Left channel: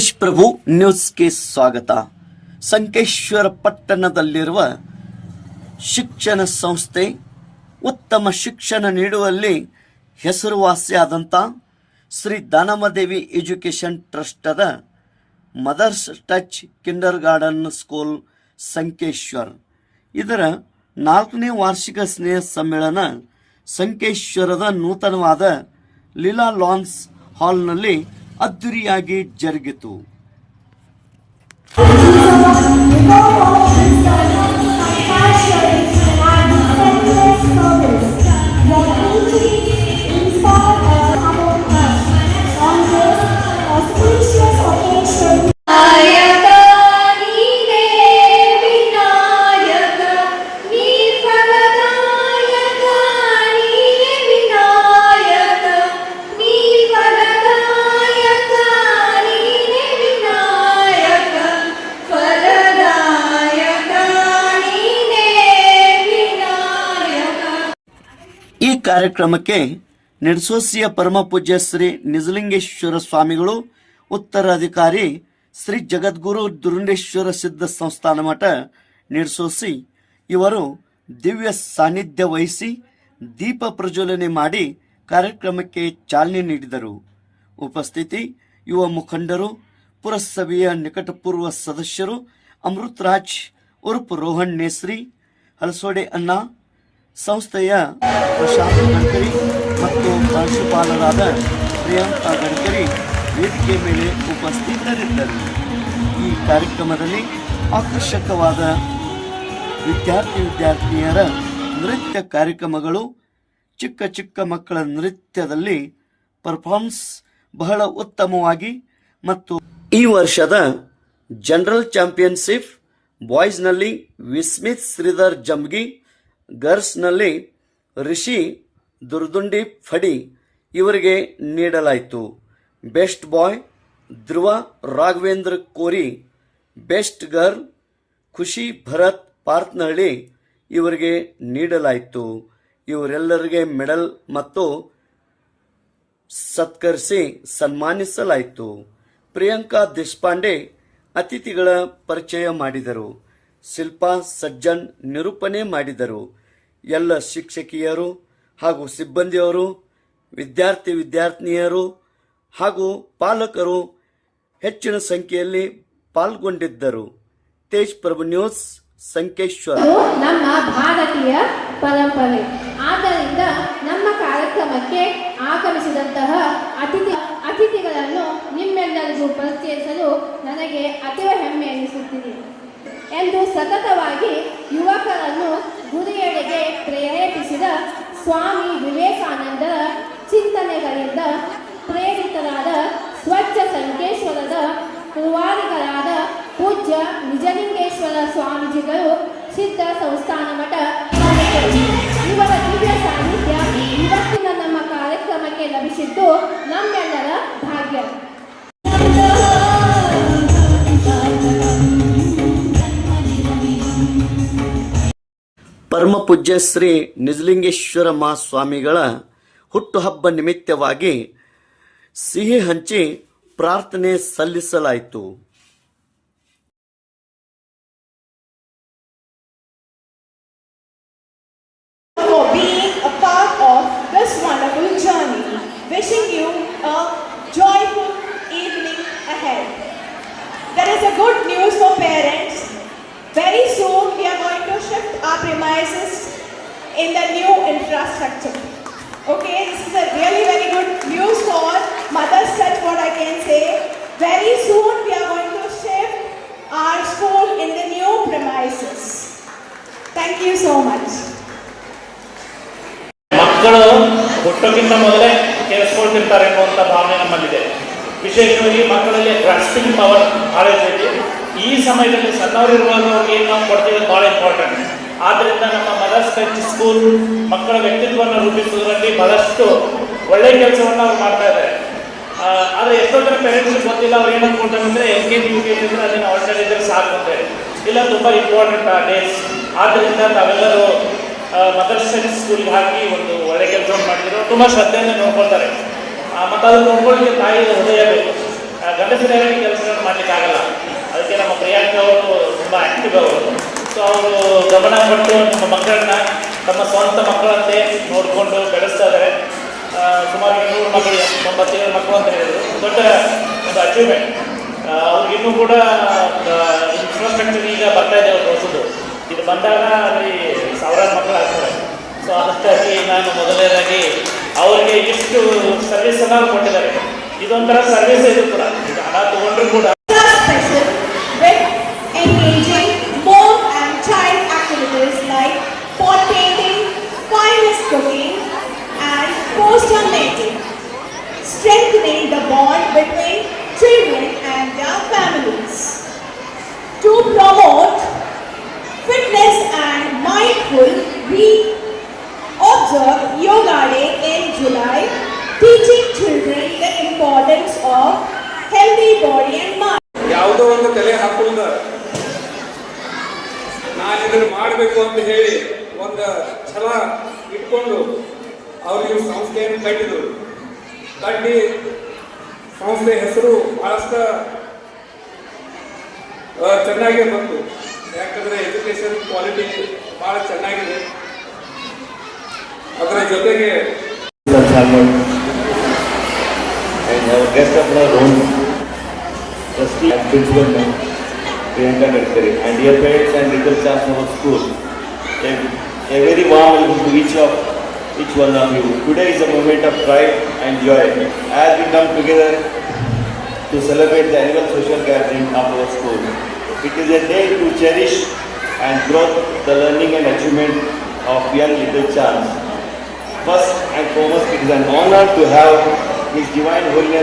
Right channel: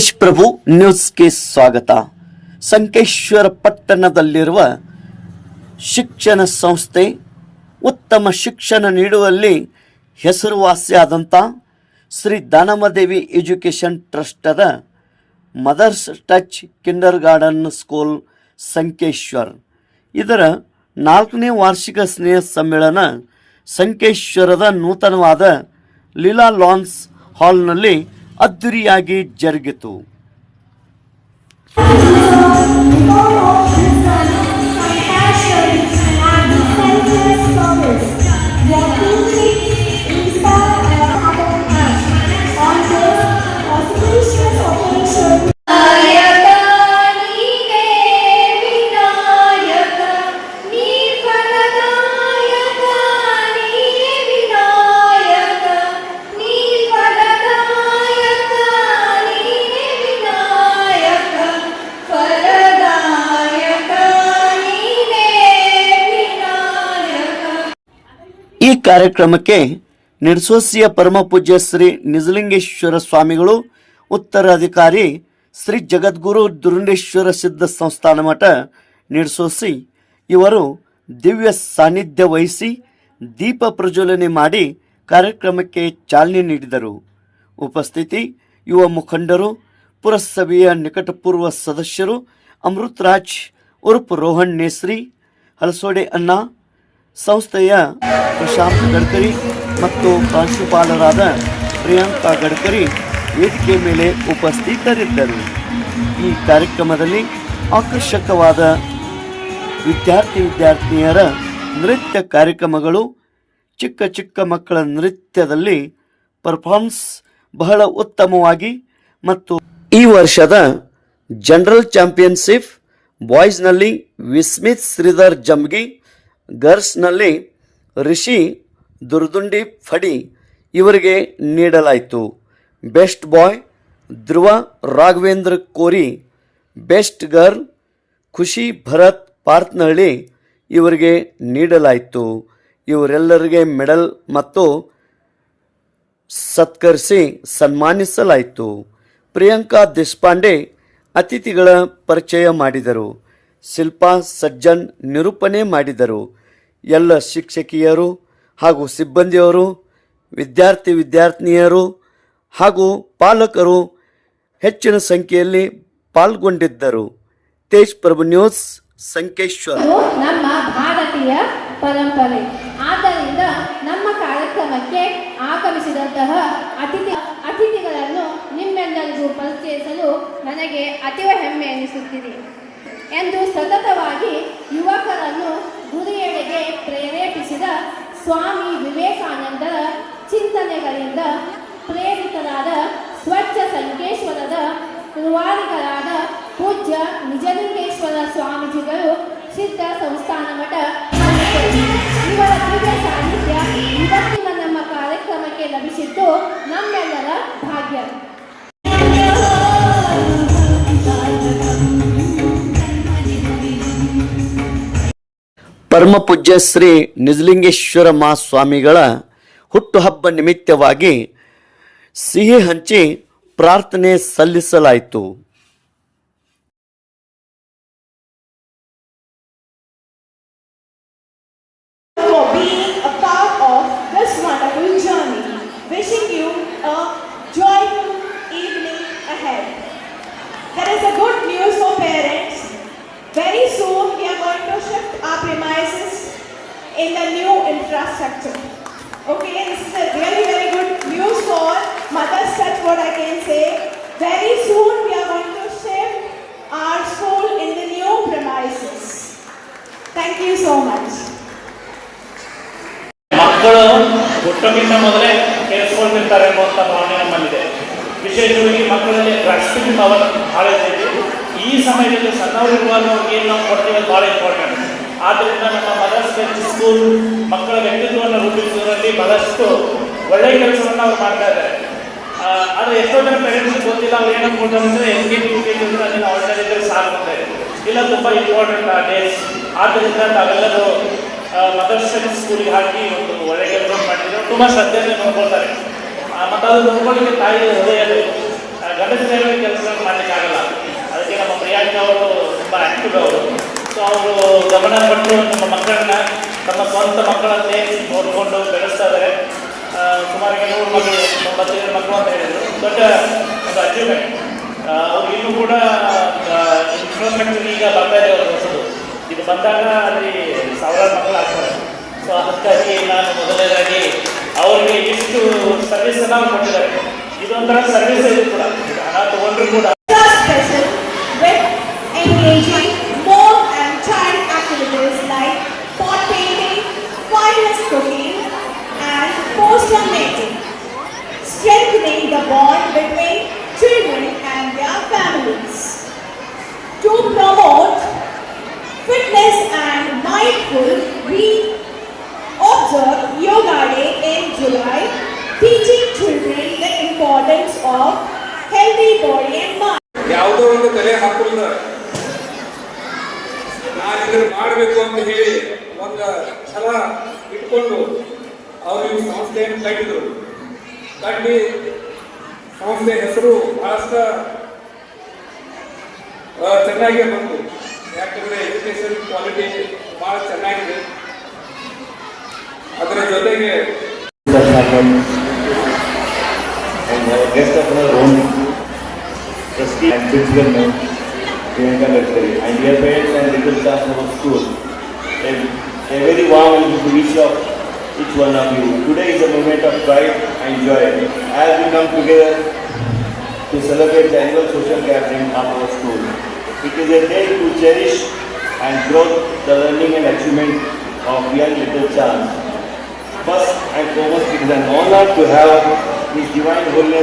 ತೇಜ್ ಪ್ರಭು ನ್ಯೂಸ್ಗೆ ಸ್ವಾಗತ. ಸಂಕೇಶ್ವರ ಪಟ್ಟಣದಲ್ಲಿರುವ ಶಿಕ್ಷಣ ಸಂಸ್ಥೆ ಉತ್ತಮ ಶಿಕ್ಷಣ ನೀಡುವಲ್ಲಿ ಹೆಸರುವಾಸಿಯಾದಂಥ Shri Danamadevi education ಟ್ರಸ್ಟದ mother's touch kindergarten school Sankeshwar. ಇದರ ನಾಲ್ಕನೇ ವಾರ್ಷಿಕ ಸ್ನೇಹ ಸಮ್ಮೇಳನ ಸಂಕೇಶ್ವರದ ನೂತನವಾದ ಲೀಲಾ ಲಾನ್ಸ್ ಹಾಲ್ನಲ್ಲಿ ಅದ್ದೂರಿಯಾಗಿ ಜರುಗಿತು. ಕಾರ್ಯಕ್ರಮಕ್ಕೆ ನಿರ್ಸೋಸಿಯ ಪರಮಪೂಜ್ಯ ಶ್ರೀ ನಿಜಲಿಂಗೇಶ್ವರ ಸ್ವಾಮಿಗಳು, ಉತ್ತರಾಧಿಕಾರಿ ಶ್ರೀ ಜಗದ್ಗುರು ದುರುಂಡೇಶ್ವರ ಸಿದ್ಧ ಸಂಸ್ಥಾನ ಮಠ ನಿರ್ಸೋಸಿ ಇವರು ದಿವ್ಯ ಸಾನ್ನಿಧ್ಯ ವಹಿಸಿ ದೀಪ ಪ್ರಜ್ವಲನೆ ಮಾಡಿ ಕಾರ್ಯಕ್ರಮಕ್ಕೆ ಚಾಲನೆ ನೀಡಿದರು. ಉಪಸ್ಥಿತಿ, ಯುವ ಮುಖಂಡರು, ಪುರಸಭೆಯ ನಿಕಟಪೂರ್ವ ಸದಸ್ಯರು ಅಮೃತರಾಜ್ ಉರ್ಫ್ ರೋಹನ್ ನೇಸ್ರಿ ಹಲಸೋಡೆ ಅಣ್ಣ, ಸಂಸ್ಥೆಯ ಪ್ರಶಾಂತ್ ಗಡ್ಕರಿ ಮತ್ತು ಪ್ರಾಂಶುಪಾಲರಾದ ಪ್ರಿಯಾಂಕಾ ಗಡ್ಕರಿ ವೇದಿಕೆ ಮೇಲೆ ಉಪಸ್ಥಿತರಿದ್ದರು. ಈ ಕಾರ್ಯಕ್ರಮದಲ್ಲಿ ಆಕರ್ಷಕವಾದ ವಿದ್ಯಾರ್ಥಿ ವಿದ್ಯಾರ್ಥಿನಿಯರ ನೃತ್ಯ ಕಾರ್ಯಕ್ರಮಗಳು, ಚಿಕ್ಕ ಚಿಕ್ಕ ಮಕ್ಕಳ ನೃತ್ಯದಲ್ಲಿ ಪರ್ಫಾರ್ಮೆನ್ಸ್ ಬಹಳ ಉತ್ತಮವಾಗಿ ಮತ್ತು ಈ ವರ್ಷದ ಜನರಲ್ ಚಾಂಪಿಯನ್ಶಿಪ್ ಬಾಯ್ಸ್ನಲ್ಲಿ ವಿಸ್ಮಿತ್ ಶ್ರೀಧರ್ ಜಮ್ಗಿ ಗರ್ಲ್ಸ್ನಲ್ಲಿ ರಿಷಿ, ದುರ್ದುಂಡಿ ಫಡಿ ಇವರಿಗೆ ನೀಡಲಾಯಿತು. ಬೆಸ್ಟ್ ಬಾಯ್ ಧ್ರುವ ರಾಘವೇಂದ್ರ ಕೋರಿ, ಬೆಸ್ಟ್ ಗರ್ಲ್ ಖುಷಿ ಭರತ್ ಪಾರ್ತ್ನಹಳ್ಳಿ ಇವರಿಗೆ ನೀಡಲಾಯಿತು. ಇವರೆಲ್ಲರಿಗೆ ಮೆಡಲ್ ಮತ್ತು ಸತ್ಕರಿಸಿ ಸನ್ಮಾನಿಸಲಾಯಿತು. ಪ್ರಿಯಾಂಕಾ ದೇಶಪಾಂಡೆ ಅತಿಥಿಗಳ ಪರಿಚಯ ಮಾಡಿದರು. ಶಿಲ್ಪಾ ಸಜ್ಜನ್ ನಿರೂಪಣೆ ಮಾಡಿದರು. ಎಲ್ಲ ಶಿಕ್ಷಕಿಯರು ಹಾಗೂ ಸಿಬ್ಬಂದಿಯವರು ವಿದ್ಯಾರ್ಥಿ ವಿದ್ಯಾರ್ಥಿನಿಯರು ಹಾಗೂ ಪಾಲಕರು ಹೆಚ್ಚಿನ ಸಂಖ್ಯೆಯಲ್ಲಿ ಪಾಲ್ಗೊಂಡಿದ್ದರು. ತೇಜ್ ಪ್ರಭು ನ್ಯೂಸ್, ಸಂಕೇಶ್ವರ. ನಮ್ಮ ಭಾರತೀಯ ಪರಂಪರೆ. ಆದ್ದರಿಂದ ನಮ್ಮ ಕಾರ್ಯಕ್ರಮಕ್ಕೆ ಆಗಮಿಸಿದಂತಹ ಅತಿಥಿ, ಅತಿಥಿಗಳನ್ನು ನಿಮ್ಮೆಲ್ಲರಿಗೂ ಪರಿಚಯಿಸಲು ನನಗೆ ಅತೀವ ಹೆಮ್ಮೆ ಎನಿಸುತ್ತಿದೆ. ಎಂದು ಸತತವಾಗಿ ಯುವಕರನ್ನು ಗುರಿಯೆಡೆಗೆ ಪ್ರೇರೇಪಿಸಿದ ಸ್ವಾಮಿ ವಿವೇಕಾನಂದರ ಚಿಂತನೆಗಳಿಂದ ಪ್ರೇರಿತರಾದ ಸ್ವಚ್ಛ ಸಂಕೇಶ್ವರದ ನಿರ್ವಾರಿಗಳಾದ ಪೂಜ್ಯ ನಿಜಲಿಂಗೇಶ್ವರ ಸ್ವಾಮೀಜಿಗಳು ಸಿದ್ಧ ಸಂಸ್ಥಾನ ಮಠ ಪರಮ ಪೂಜ್ಯ ಶ್ರೀ ನಿಜಲಿಂಗೇಶ್ವರ ಮಹಾಸ್ವಾಮಿಗಳ ಹುಟ್ಟುಹಬ್ಬ ನಿಮಿತ್ತವಾಗಿ ಸಿಹಿ ಹಂಚಿ ಪ್ರಾರ್ಥನೆ ಸಲ್ಲಿಸಲಾಯಿತು. ಹುಟ್ಟೋಕ್ಕಿಂತ ಮೊದಲೇ ಕೇಳಿಸ್ಕೊಳ್ತಿರ್ತಾರೆ ಎಂಬುವಂಥ ಭಾವನೆ ನಮ್ಮಲ್ಲಿದೆ. ವಿಶೇಷವಾಗಿ ಮಕ್ಕಳಲ್ಲಿ ಗ್ರಾಸ್ಪಿಂಗ್ ಪವರ್ ಭಾಳ ಇದೆ. ಈ ಸಮಯದಲ್ಲಿ ಸಣ್ಣವರು ಇರುವಾಗ ಏನು ನಾವು ಕೊಡ್ತೀವಿ ಭಾಳ ಇಂಪಾರ್ಟೆಂಟ್ ಆದ್ದರಿಂದ ನಮ್ಮ ಮದರ್ಸ್ ಸ್ಕೂಲ್ ಮಕ್ಕಳ ವ್ಯಕ್ತಿತ್ವವನ್ನು ರೂಪಿಸುವುದರಲ್ಲಿ ಬಹಳಷ್ಟು ಒಳ್ಳೆಯ ಕೆಲಸವನ್ನು ಅವ್ರು ಮಾಡ್ತಾ ಇದ್ದಾರೆ ಆದರೆ ಎಷ್ಟೋ ಜನ ಪೇರೆಂಟ್ಸ್ ಗೊತ್ತಿಲ್ಲ ಅವ್ರು ಏನು ಅನ್ಕೊಂಡ್ರೆ ಅಂದರೆ ಜಿ ನೀವು ಆಲ್ರೆಡಿ ಇದ್ರೆ ಸಾಗುತ್ತೆ ಇಲ್ಲ ತುಂಬ ಇಂಪಾರ್ಟೆಂಟ್ ಆ ಡೇಸ್ ಆದ್ದರಿಂದ ತಾವೆಲ್ಲರೂ ಮದರ್ಸ್ ಸ್ಕೂಲಿಗೆ ಹಾಕಿ ಒಂದು ಒಳ್ಳೆ ಕೆಲಸ ಮಾಡಿದ್ರು ತುಂಬ ಶ್ರದ್ಧೆಯನ್ನು ನೋಡ್ಕೊಳ್ತಾರೆ. ಮತ್ತು ಅದು. ನೋಡ್ಕೊಳ್ಳಿಕ್ಕೆ ತಾಯಿಗೆ ಹೃದಯಬೇಕು ಗಂಡಸಿನ ಕೆಲಸಗಳನ್ನು ಮಾಡಲಿಕ್ಕೆ ಆಗಲ್ಲ. ಅದಕ್ಕೆ ನಮ್ಮ ಪ್ರಿಯಾಂಕ ಅವರು ತುಂಬ ಆಕ್ಟಿವ್ ಅವರು. ಸೊ ಅವರು ಗಮನ ಕೊಟ್ಟು ನಮ್ಮ ಮಕ್ಕಳನ್ನ, ತಮ್ಮ ಸ್ವಂತ ಮಕ್ಕಳನ್ನೇ ನೋಡಿಕೊಂಡು ಬೆಳೆಸ್ತಾ ಇದ್ದಾರೆ. ಸುಮಾರು ಏಳು ಮಕ್ಕಳು ಒಂಬತ್ತು ಅಂತ ಹೇಳಿದ್ರು ದೊಡ್ಡ ಒಂದು ಅಚೀವ್ಮೆಂಟ್ ಅವ್ರಿಗೆ ಇನ್ನೂ ಕೂಡ ಇಂಪ್ರೂವ್ಮೆಂಟ್ ಈಗ ಬರ್ತಾ ಇದೆ ಇದು ಬಂದಾಗ ಅಲ್ಲಿ ಅದಕ್ಕಾಗಿ ನಾನು ಮೊದಲನೇದಾಗಿ ಅವರಿಗೆ ಇಷ್ಟು ಸರ್ವಿಸ್ ಎಲ್ಲ ಕೊಟ್ಟಿದ್ದಾರೆ. ಇದೊಂಥರ ಸರ್ವಿಸ್ ಇದು ಕೂಡ. ಹಣ ತಗೊಂಡ್ರು ಕೂಡ ಇದನ್ನು ಮಾಡಬೇಕು ಅಂತ ಹೇಳಿ ಒಂದು ಛಲ ಇಟ್ಕೊಂಡು ಅವರು ಈ ಸಂಸ್ಥೆಯನ್ನು ಕಟ್ಟಿದರು. ಕಟ್ಟಿ ಸಂಸ್ಥೆ ಹೆಸರು ಬಹಳಷ್ಟ ಚೆನ್ನಾಗಿ ಬಂತು. ಯಾಕಂದ್ರೆ ಎಜುಕೇಶನ್ ಕ್ವಾಲಿಟಿ ಬಹಳ ಚೆನ್ನಾಗಿದೆ. ಅದರ ಜೊತೆಗೆ and uh, guest And dear parents and little staff of school. A, very warm to each of each one of you. Today is a moment of pride and joy as we come together to celebrate the annual social gathering of our school. It is a day to cherish and grow the learning and achievement of young little childs. First and foremost, it is an honor to have His Divine Holiness